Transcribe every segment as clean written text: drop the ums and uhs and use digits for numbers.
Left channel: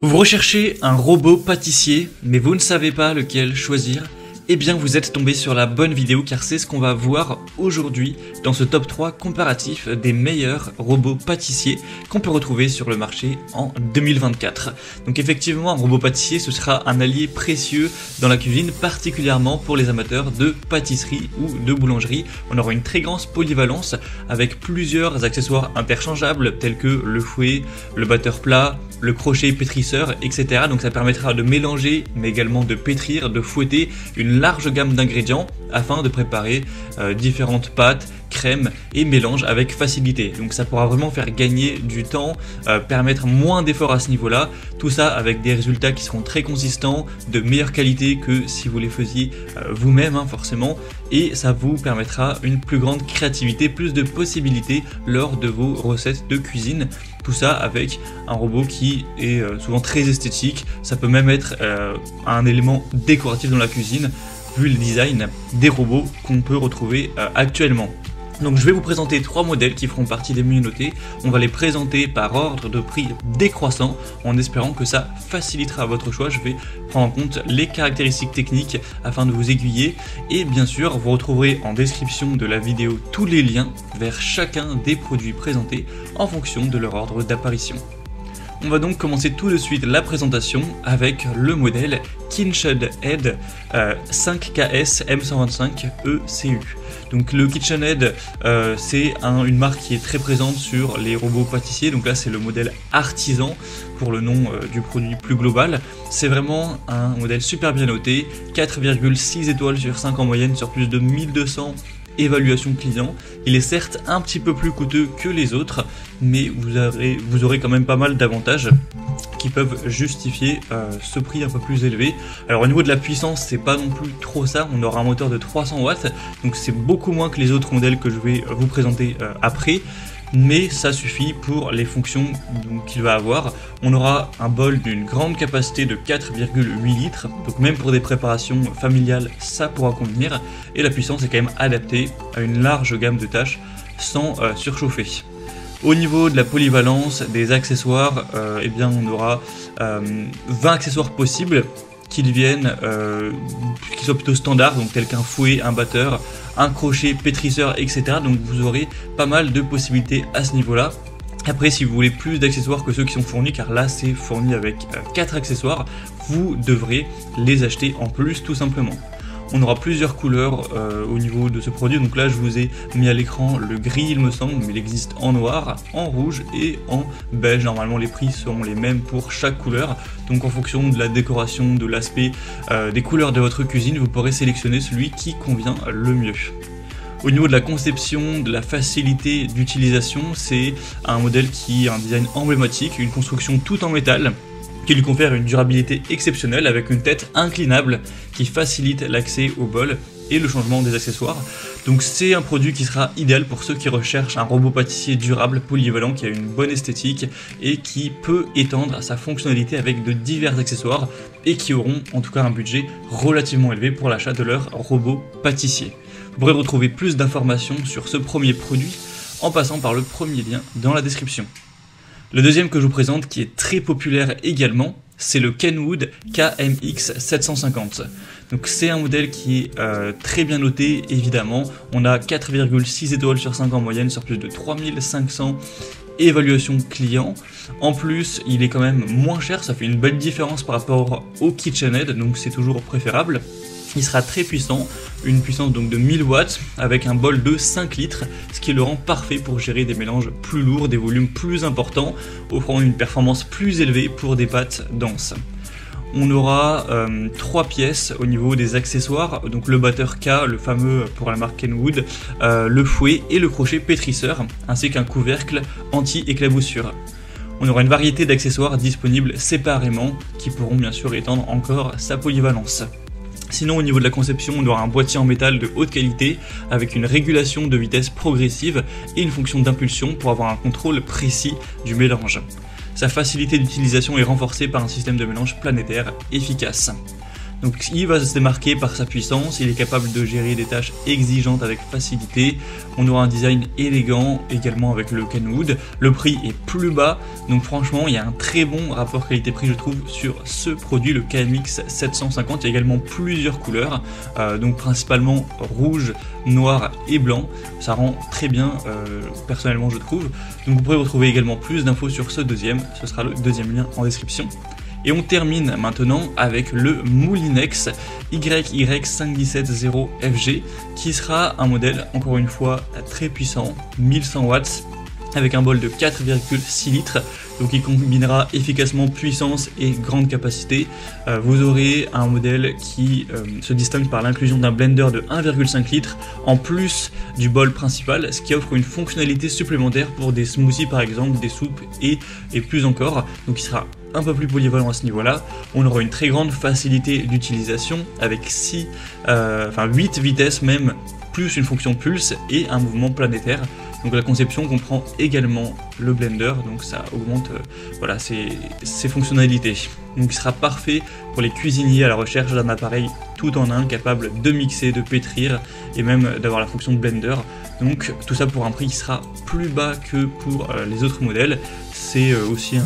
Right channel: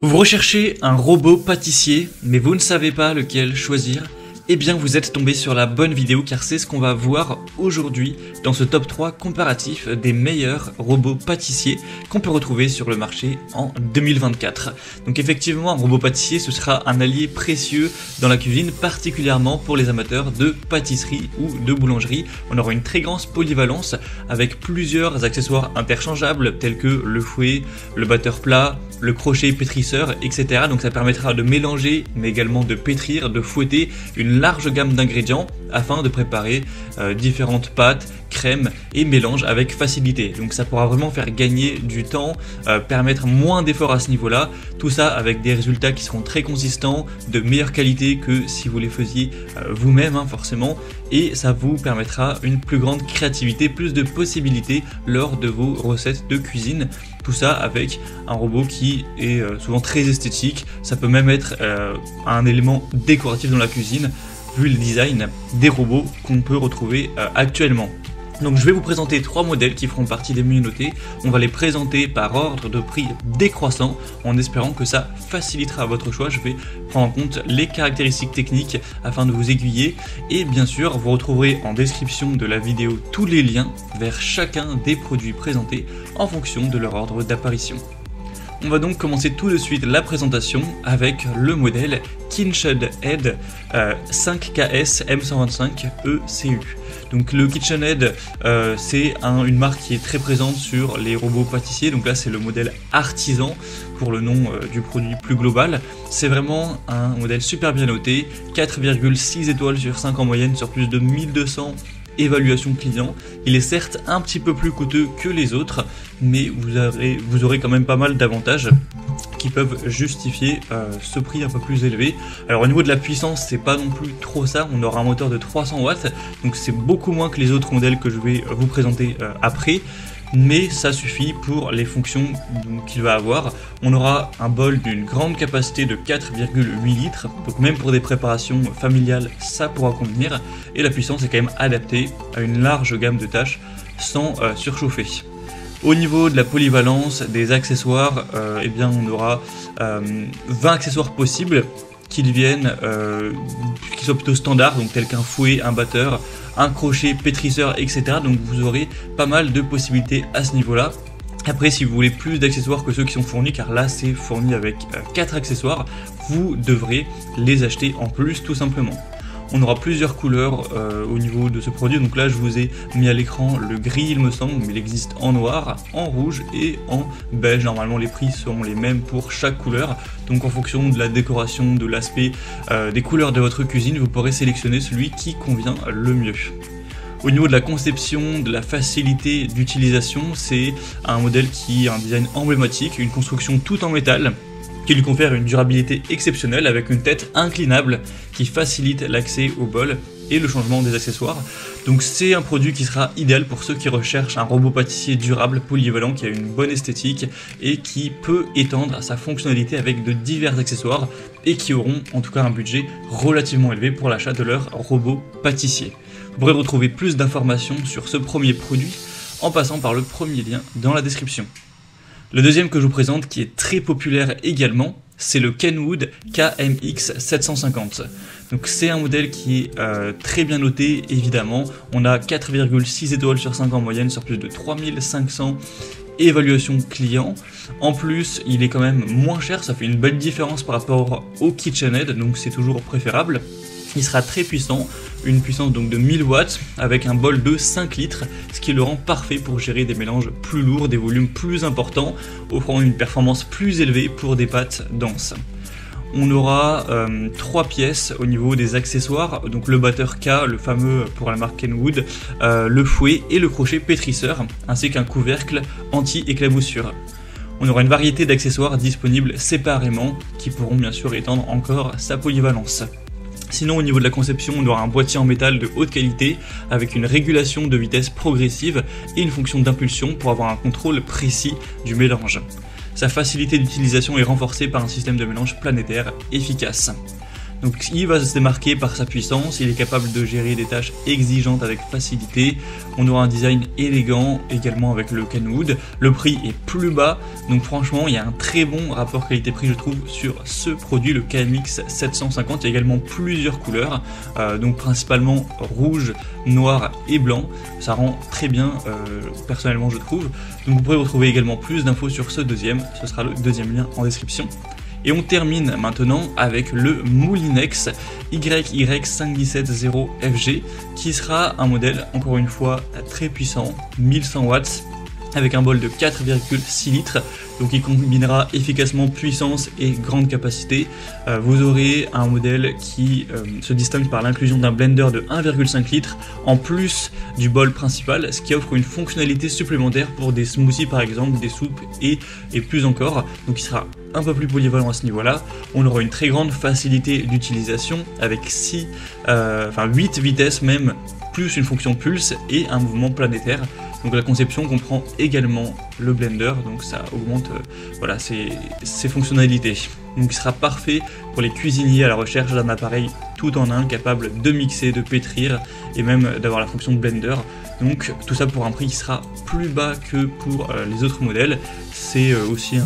Vous recherchez un robot pâtissier, mais vous ne savez pas lequel choisir? Eh bien vous êtes tombé sur la bonne vidéo car c'est ce qu'on va voir aujourd'hui dans ce top 3 comparatif des meilleurs robots pâtissiers qu'on peut retrouver sur le marché en 2024. Donc effectivement un robot pâtissier ce sera un allié précieux dans la cuisine, particulièrement pour les amateurs de pâtisserie ou de boulangerie. On aura une très grande polyvalence avec plusieurs accessoires interchangeables tels que le fouet, le batteur plat, le crochet pétrisseur, etc. Donc ça permettra de mélanger, mais également de pétrir, de fouetter une large gamme d'ingrédients afin de préparer différentes pâtes, crèmes et mélanges avec facilité. Donc ça pourra vraiment faire gagner du temps, permettre moins d'efforts à ce niveau-là. Tout ça avec des résultats qui seront très consistants, de meilleure qualité que si vous les faisiez vous-même forcément. Et ça vous permettra une plus grande créativité, plus de possibilités lors de vos recettes de cuisine. Tout ça avec un robot qui est souvent très esthétique. Ça peut même être un élément décoratif dans la cuisine, vu le design des robots qu'on peut retrouver actuellement. Donc je vais vous présenter 3 modèles qui feront partie des mieux notés. On va les présenter par ordre de prix décroissant en espérant que ça facilitera votre choix. Je vais prendre en compte les caractéristiques techniques afin de vous aiguiller. Et bien sûr, vous trouvez en description de la vidéo tous les liens pour chacun des produits présentés en fonction de leur ordre d'apparition. On va donc commencer tout de suite la présentation avec le modèle KitchenAid 5KS M125 ECE. Donc le KitchenAid, c'est une marque qui est très présente sur les robots pâtissiers. Donc là c'est le modèle artisan pour le nom du produit plus global. C'est vraiment un modèle super bien noté, 4,6 étoiles sur 5 en moyenne sur plus de 1200 évaluations clients. Il est certes un petit peu plus coûteux que les autres, mais vous aurez quand même pas mal d'avantages qui peuvent justifier ce prix un peu plus élevé. Alors au niveau de la puissance, c'est pas non plus trop ça, on aura un moteur de 300 watts, donc c'est beaucoup moins que les autres modèles que je vais vous présenter après, mais ça suffit pour les fonctions qu'il va avoir. On aura un bol d'une grande capacité de 4,8 litres, donc même pour des préparations familiales, ça pourra convenir, et la puissance est quand même adaptée à une large gamme de tâches sans surchauffer. Au niveau de la polyvalence des accessoires, eh bien on aura 20 accessoires possibles qui soient plutôt standards, donc tels qu'un fouet, un batteur, un crochet pétrisseur, etc. Donc vous aurez pas mal de possibilités à ce niveau-là. Après, si vous voulez plus d'accessoires que ceux qui sont fournis, car là c'est fourni avec 4 accessoires, vous devrez les acheter en plus tout simplement. On aura plusieurs couleurs au niveau de ce produit, donc là je vous ai mis à l'écran le gris il me semble, mais il existe en noir, en rouge et en beige. Normalement les prix seront les mêmes pour chaque couleur, donc en fonction de la décoration, de l'aspect, des couleurs de votre cuisine, vous pourrez sélectionner celui qui convient le mieux. Au niveau de la conception, de la facilité d'utilisation, c'est un modèle qui a un design emblématique, une construction toute en métal, qui lui confère une durabilité exceptionnelle avec une tête inclinable qui facilite l'accès au bol et le changement des accessoires. Donc c'est un produit qui sera idéal pour ceux qui recherchent un robot pâtissier durable, polyvalent, qui a une bonne esthétique et qui peut étendre sa fonctionnalité avec de divers accessoires et qui auront en tout cas un budget relativement élevé pour l'achat de leur robot pâtissier. Vous pourrez retrouver plus d'informations sur ce premier produit en passant par le premier lien dans la description. Le deuxième que je vous présente, qui est très populaire également, c'est le Kenwood KMX 750. Donc c'est un modèle qui est très bien noté, évidemment. On a 4,6 étoiles sur 5 en moyenne sur plus de 3500 évaluations clients. En plus, il est quand même moins cher, ça fait une bonne différence par rapport au KitchenAid, donc c'est toujours préférable. Il sera très puissant, une puissance donc de 1000 watts avec un bol de 5 litres, ce qui le rend parfait pour gérer des mélanges plus lourds, des volumes plus importants, offrant une performance plus élevée pour des pâtes denses. On aura 3 pièces au niveau des accessoires, donc le batteur K, le fameux pour la marque Kenwood, le fouet et le crochet pétrisseur, ainsi qu'un couvercle anti-éclaboussure. On aura une variété d'accessoires disponibles séparément qui pourront bien sûr étendre encore sa polyvalence. Sinon au niveau de la conception, on aura un boîtier en métal de haute qualité avec une régulation de vitesse progressive et une fonction d'impulsion pour avoir un contrôle précis du mélange. Sa facilité d'utilisation est renforcée par un système de mélange planétaire efficace. Donc il va se démarquer par sa puissance, il est capable de gérer des tâches exigeantes avec facilité. On aura un design élégant, également avec le Kenwood. Le prix est plus bas, donc franchement il y a un très bon rapport qualité-prix je trouve sur ce produit, le KMX 750. Il y a également plusieurs couleurs, donc principalement rouge, noir et blanc. Ça rend très bien personnellement je trouve. Donc vous pourrez retrouver également plus d'infos sur ce deuxième, ce sera le deuxième lien en description. Et on termine maintenant avec le Moulinex YY5170FG qui sera un modèle encore une fois très puissant, 1100 watts avec un bol de 4,6 litres. Donc il combinera efficacement puissance et grande capacité. Vous aurez un modèle qui se distingue par l'inclusion d'un blender de 1,5 litres en plus du bol principal, ce qui offre une fonctionnalité supplémentaire pour des smoothies par exemple, des soupes et plus encore. Donc il sera un peu plus polyvalent à ce niveau-là. On aura une très grande facilité d'utilisation avec 8 vitesses même, plus une fonction pulse et un mouvement planétaire. Donc la conception comprend également le blender, donc ça augmente ses fonctionnalités. Donc il sera parfait pour les cuisiniers à la recherche d'un appareil tout en un, capable de mixer, de pétrir et même d'avoir la fonction blender. Donc tout ça pour un prix qui sera plus bas que pour les autres modèles. C'est aussi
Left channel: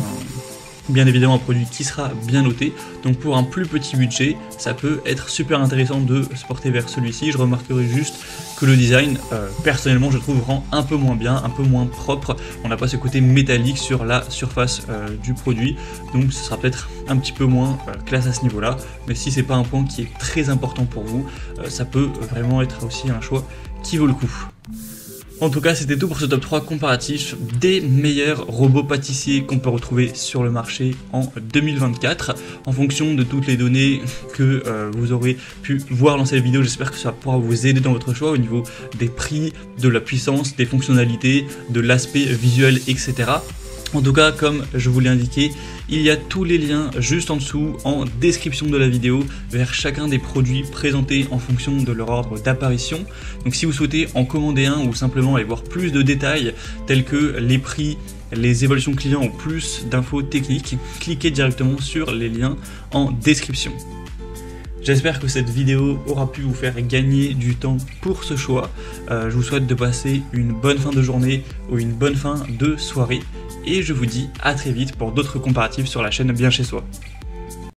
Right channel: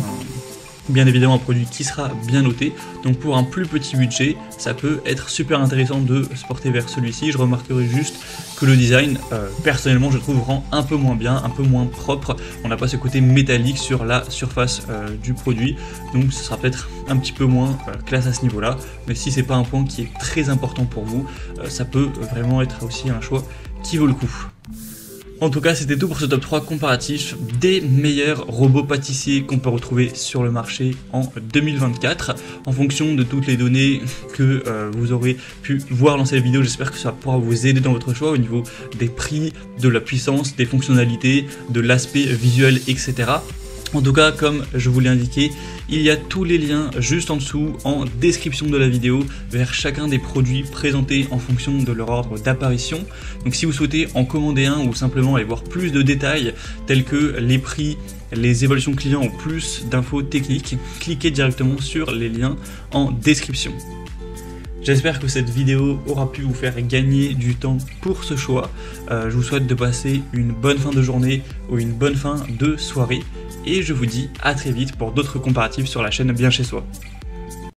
bien évidemment un produit qui sera bien noté, donc pour un plus petit budget ça peut être super intéressant de se porter vers celui-ci. Je remarquerai juste que le design personnellement je trouve rend un peu moins bien, un peu moins propre. On n'a pas ce côté métallique sur la surface du produit, donc ça sera peut-être un petit peu moins classe à ce niveau là, mais si c'est pas un point qui est très important pour vous, ça peut vraiment être aussi un choix qui vaut le coup. En tout cas, c'était tout pour ce top 3 comparatif des meilleurs robots pâtissiers qu'on peut retrouver sur le marché en 2024. En fonction de toutes les données que vous aurez pu voir dans cette vidéo, j'espère que ça pourra vous aider dans votre choix au niveau des prix, de la puissance, des fonctionnalités, de l'aspect visuel, etc. En tout cas, comme je vous l'ai indiqué, il y a tous les liens juste en dessous en description de la vidéo vers chacun des produits présentés en fonction de leur ordre d'apparition. Donc si vous souhaitez en commander un ou simplement aller voir plus de détails tels que les prix, les évaluations clients ou plus d'infos techniques, cliquez directement sur les liens en description. J'espère que cette vidéo aura pu vous faire gagner du temps pour ce choix. Je vous souhaite de passer une bonne fin de journée ou une bonne fin de soirée. Et je vous dis à très vite pour d'autres comparatifs sur la chaîne Bien Chez Soi.